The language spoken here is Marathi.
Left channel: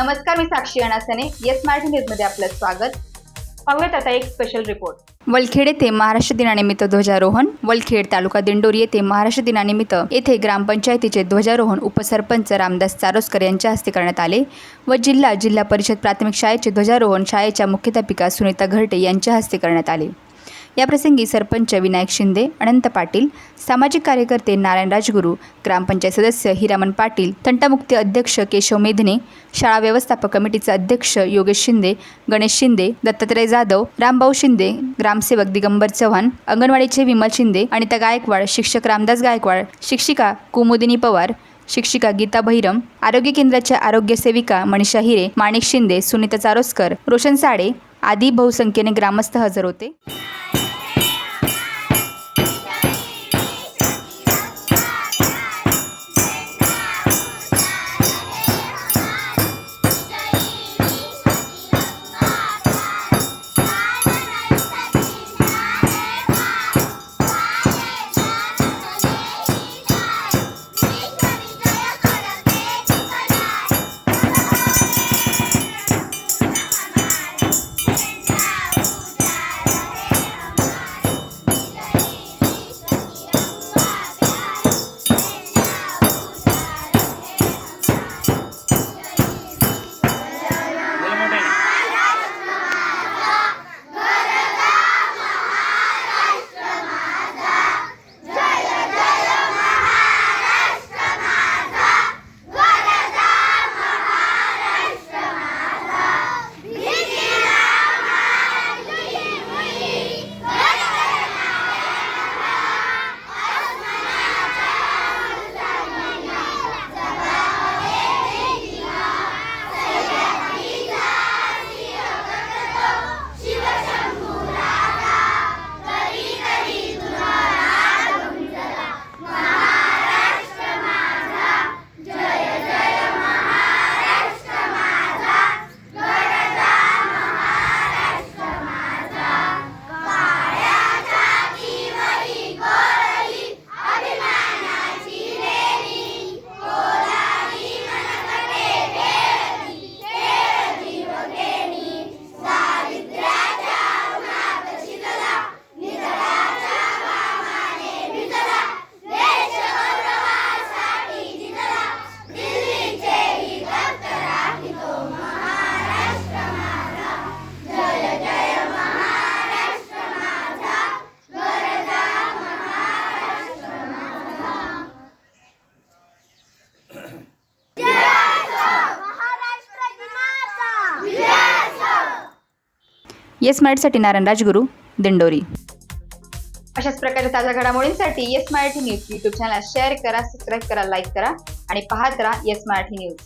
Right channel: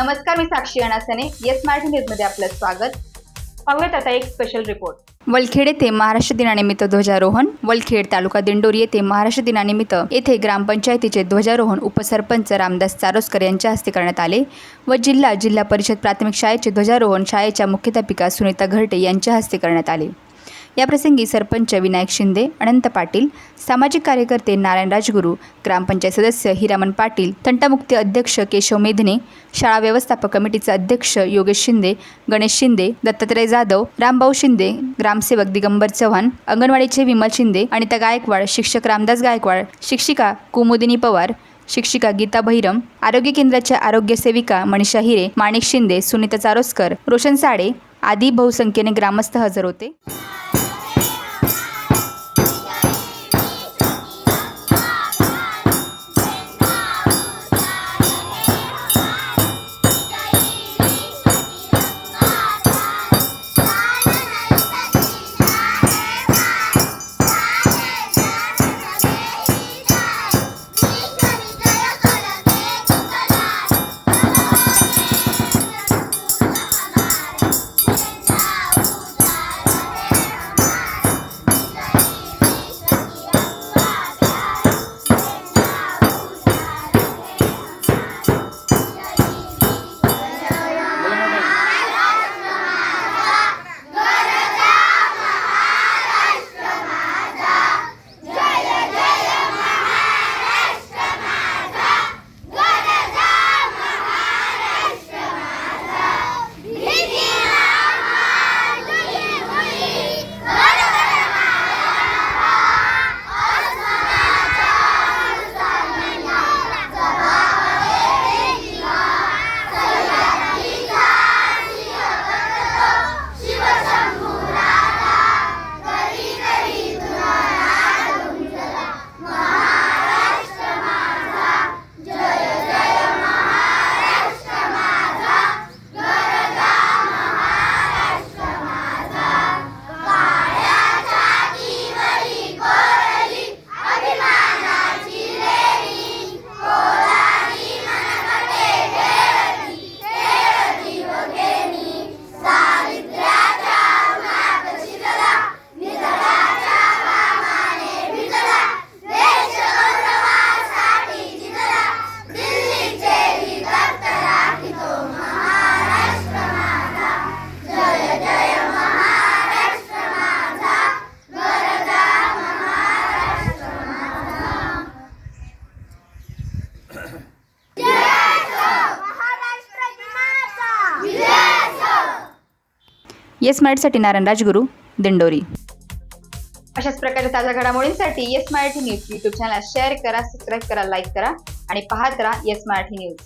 नमस्कार, मी साक्षी अनासने. येस मराठी न्यूजमध्ये आपलं स्वागत. पाहूयात आता एक स्पेशल रिपोर्ट. वलखेड येथे महाराष्ट्र दिनानिमित्त ध्वजारोहण. वलखेड तालुका दिंडोरी येथे महाराष्ट्र दिनानिमित्त ग्रामपंचायतीचे ध्वजारोहण उपसरपंच रामदास चारोस्कर यांच्या हस्ते करण्यात आले व जिल्हा परिषद प्राथमिक शाळेचे ध्वजारोहण शाळेच्या मुख्याध्यापिका सुनीता घरटे यांच्या हस्ते करण्यात आले. याप्रसंगी सरपंच विनायक शिंदे, अनंत पाटील, सामाजिक कार्यकर्ते नारायण राजगुरू, ग्रामपंचायत सदस्य हिरामन पाटील, तंटामुक्ती अध्यक्ष केशव मेधने, शाळा व्यवस्थापक कमिटीचे अध्यक्ष योगेश शिंदे, गणेश शिंदे, दत्तात्रय जाधव, रामभाऊ शिंदे, ग्रामसेवक दिगंबर चव्हाण, अंगणवाडीचे विमल शिंदे, अनिता गायकवाड, शिक्षक रामदास गायकवाड, शिक्षिका कुमुदिनी पवार, शिक्षिका गीता बहिरम, आरोग्य केंद्राच्या आरोग्य सेविका मनीषा हिरे, माणिक शिंदे, सुनीता चारोस्कर, रोशन साडे आदी बहुसंख्येने ग्रामस्थ हजर होते. येस मराठीसाठी नारायण राजगुरू, दिंडोरी. अशाच प्रकारच्या ताज्या घडामोडींसाठी yes Marathi news YouTube channel share करा, सबस्क्राईब करा, लाईक करा आणि पाहत राहा येस मराठी न्यूज.